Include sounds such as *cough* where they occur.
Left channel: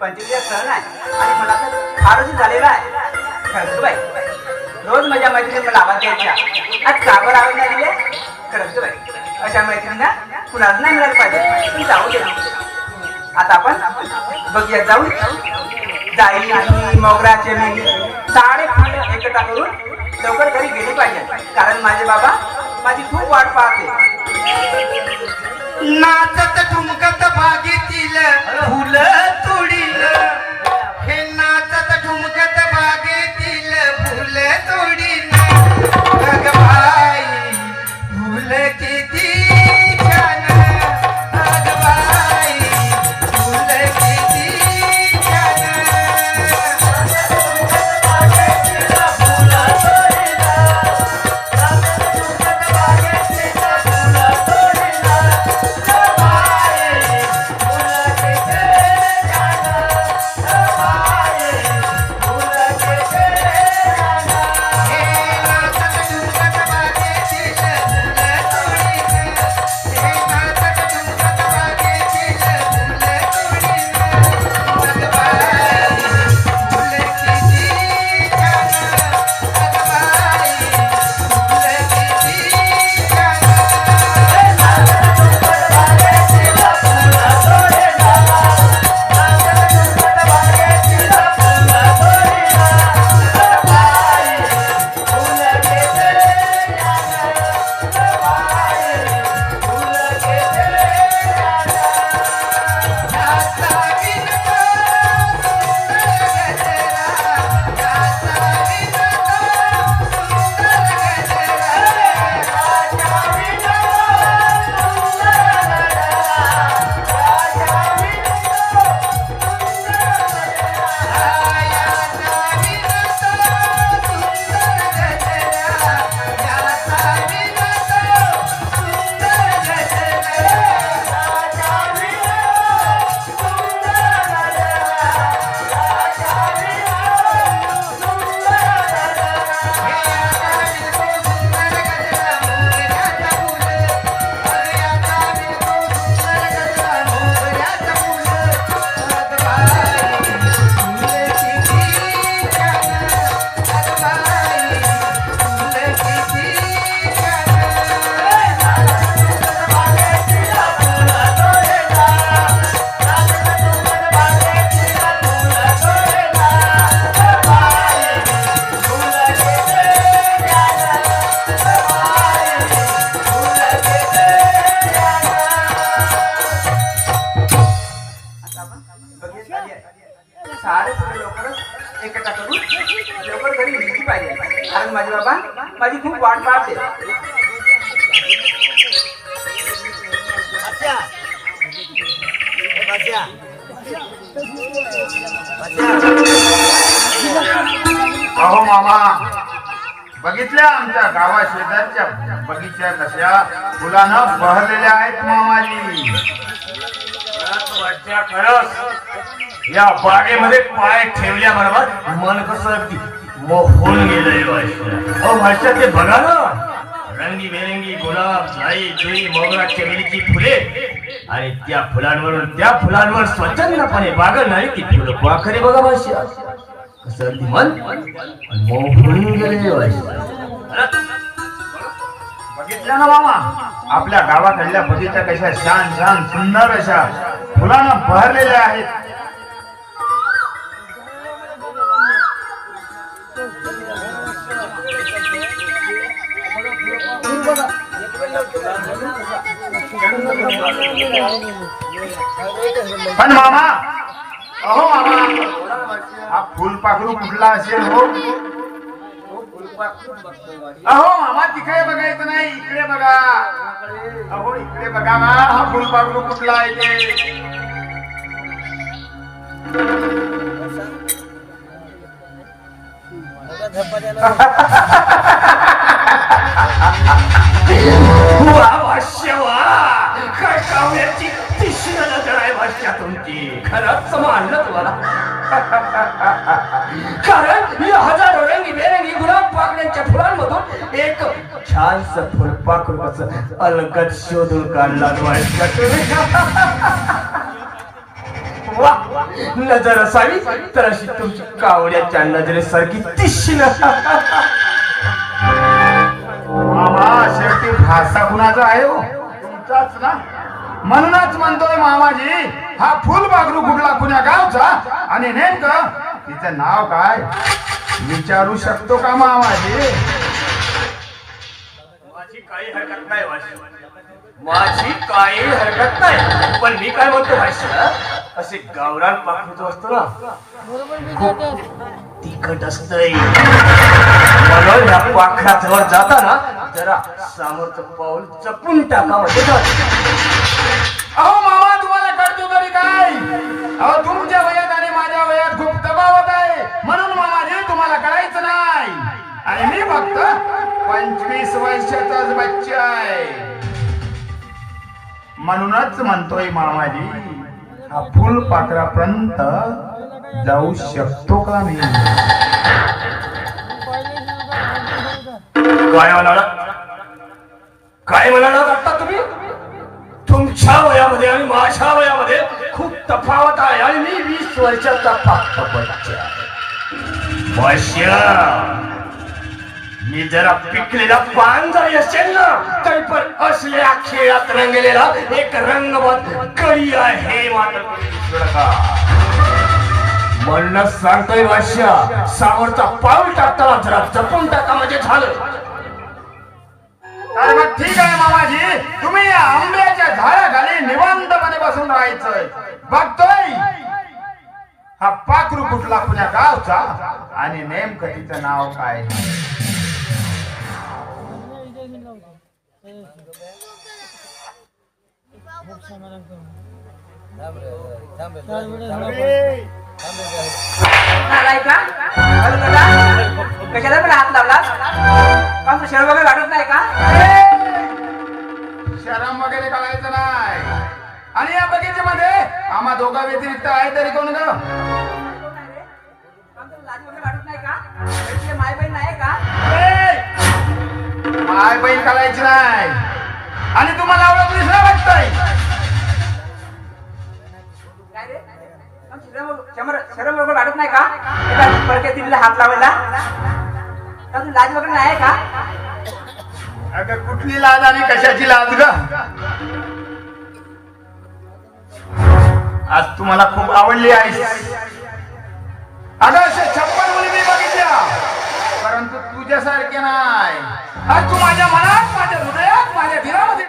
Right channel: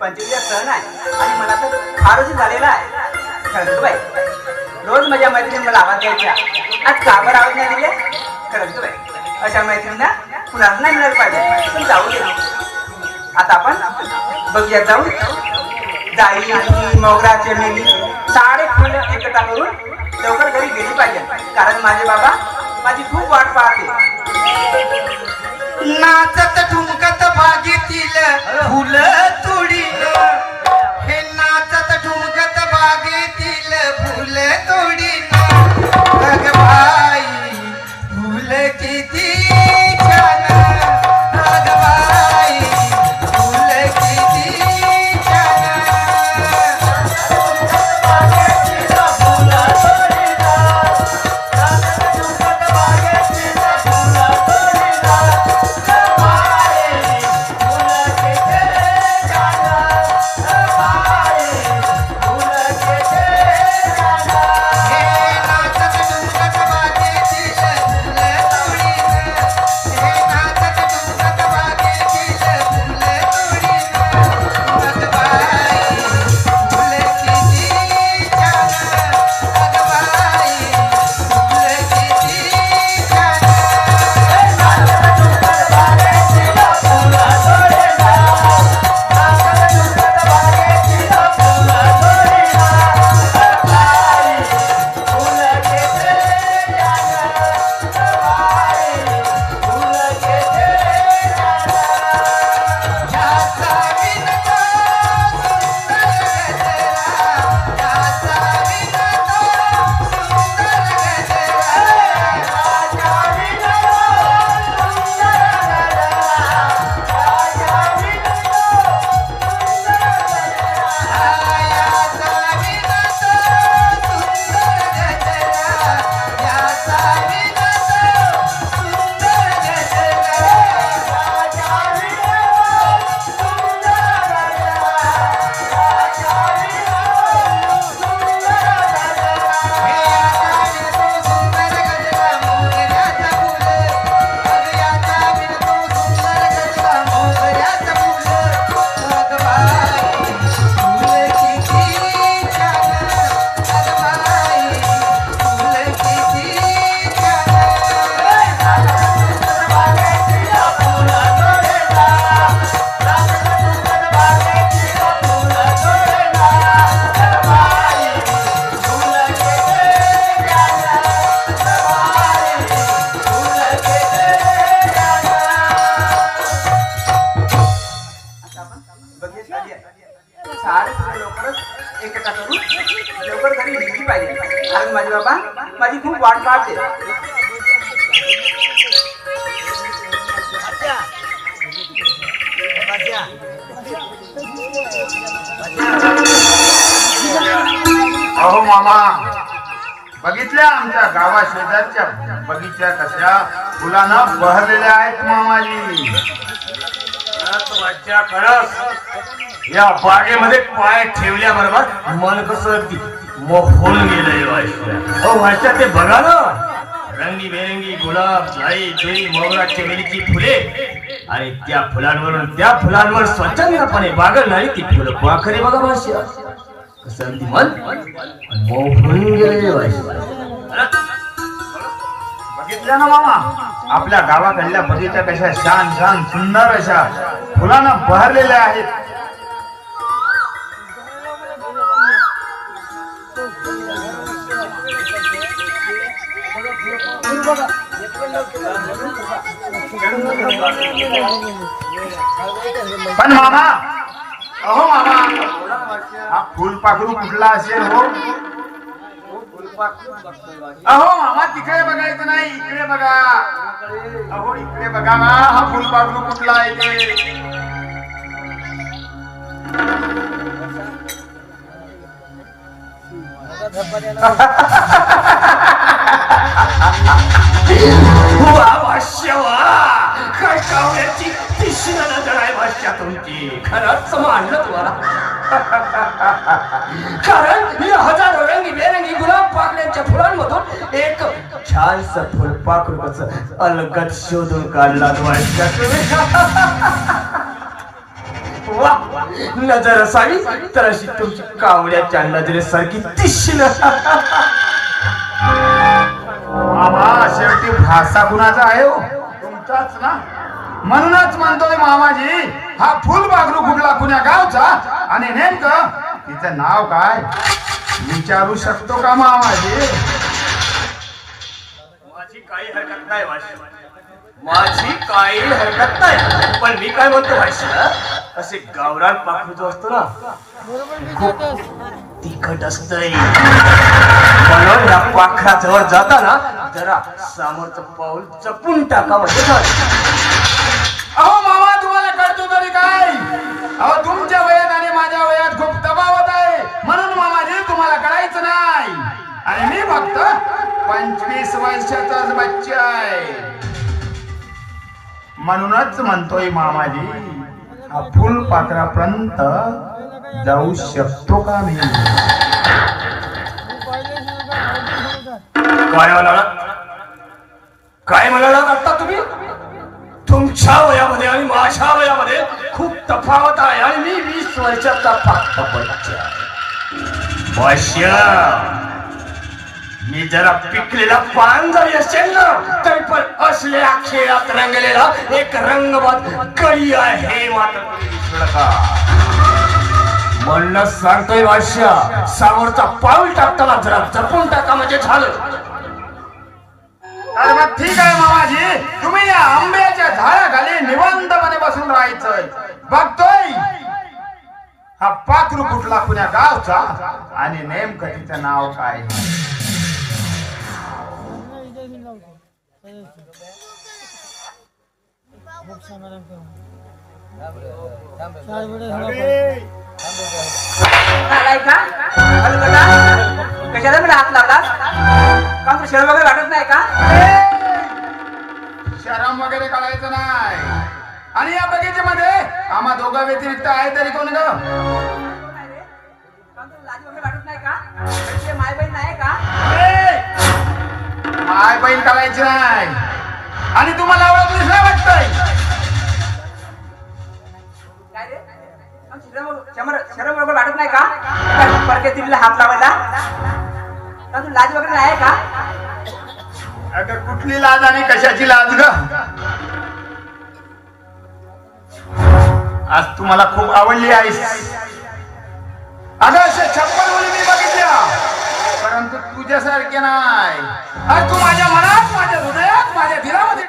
पंचवीस सण आहे. आणि मला तर फारच झालेला आहे. खरंच बाई. रोज माझ्या मैत्रिणी मला आवाज द्यायच्या आज कावर आवाज नाही दिले खरंच बाई. अशा मैत्रिणींना कुणाला नाही मिळालं पाहिजे. पण जाऊ दे. आता आपण बघूया जाऊ जाई आणि मोगरा चमेली सारे फुलं एकत्र करून लवकर घरी गेली पाहिजे. कारण माझे बाबा माझी खूप वाट पाहते. नाचत ठुमकत बागेतील फुल अहो मामा. बघितल्या आमच्या गावा शेजारच्या बगीच्या कशा? फुलानं बहरलेल्या आहेत मामाजी. खरंच या बागेमध्ये पाय ठेवल्याबरोबर मन कसं अगदी मोहून गेलंय वाशा हो वाशा ते बघा ना. रंगी रंगीबेरंगी गुलाब जाई जुई मोगरा चमेलीची फुले. आणि त्या फुलांवरून त्या फुलांवर स्वच्छंदपणे बागल नाही ती फुलं पाखरे बघा वाशा असं ती मन मोहून गेलेली वाशा बघितलं ना बाबा? आपल्या गावाकडल्या बगीचा कशा शान शान सुंदर अशा फुलांना बहरलेल्या आहेत. पण मामा अहो मामा. फुलपाखरू कुठला असेल हो? अहो मामा तिकडे बघायचं नाही इकडे बघा. अहो इकडे बघा ना हा फुलपाखरू कुठला आहे ते? *laughs* *laughs* वा भाष्य नजर आहे भाष्या तुमची खरंच मानलं तुम्हाला कारण मी हजारो रंगी बेरंगी गुलाब पाकड्यांच्या फुलांमधून एक छानस फुलपाखरू कसं अलगद शोधून काढला भाष्या तुम्ही वा नजर असावी तर अशी तुमची कावड्याच्या नजरेसारखी दिसशील *laughs* मामा शेवटी भाषा कुणाचा आहे हो? तुमचाच ना. म्हणूनच म्हणतोय मामाजी हा फुल बागरू कुठला कुण्या गावचा? आणि नेमकं तिचं नाव काय? विचारू शकतो का मामाजी? माझी काही हरकत नाही माझी काही हरकत नाही. पण मी काय म्हणतो भाषा असे गावरान पाखरूच असतो ना तिखट असतंय म्हणून या पाखराजवळ जाताना जरा सामोरचं पाऊल जपून टाका म्हणजे अहो मामा तुम्हाला कळतो तरी काय? अहो तुमच्या वयात आणि माझ्या वयात खूप तफावत आहे. म्हणून मामाजी तुम्हाला कळायचं नाही. आणि मी फक्त पंचवीस वर्षाचाच बच्चा आहे. म्हणूनच म्हणतोय मामाजी फुल पाकरापर्यंत जाऊ शकतो का मी काय म्हणाला काय म्हणाला वाटता तुम्ही? तुमच्या वयामध्ये आणि माझ्या वयामध्ये खूप तफावत आहे आणि मी वीस वर्षाचा फक्त मी जरा पिकलेला पान जरी असेल ना तरी असल्या खेळात रंगलेला एक रंगवाद कळी आहे म्हणणं सांगतोय भाष्या सावरचा पाऊल टाकताना जरा जपून टाका म्हणजे झालं. ठीक आहे मामाजी. तुम्ही या आंब्याच्या झाडाखाली निवांतपणे बसून राहायचंय. बघतोय. हा पाखरू कुठला पुण्या गावचा? आणि नेमकं तिचं नाव काय? कशाला पण हात लावला? शरम वगैरे वाटत नाही का? शरम वगैरे करायचं नाही. आणि या बगीचेमध्ये आम्हा दोघा व्यतिरिक्त आहे तरी कोण ग? बहीण करायची नाही. आणि तुम्हाला आवडलीच नाही वाटतंय. काय शरम वगैरे वाटत नाही का? हात लावायला. का तुला लाज वगैरे नाही का? अगं कुठली लाज आणि कशाची लाज ग? आज तुम्हाला खूप आवडली आहेस अगं अशा छप्पन मुली बघितल्या. परंतु तुझ्यासारखे नाही.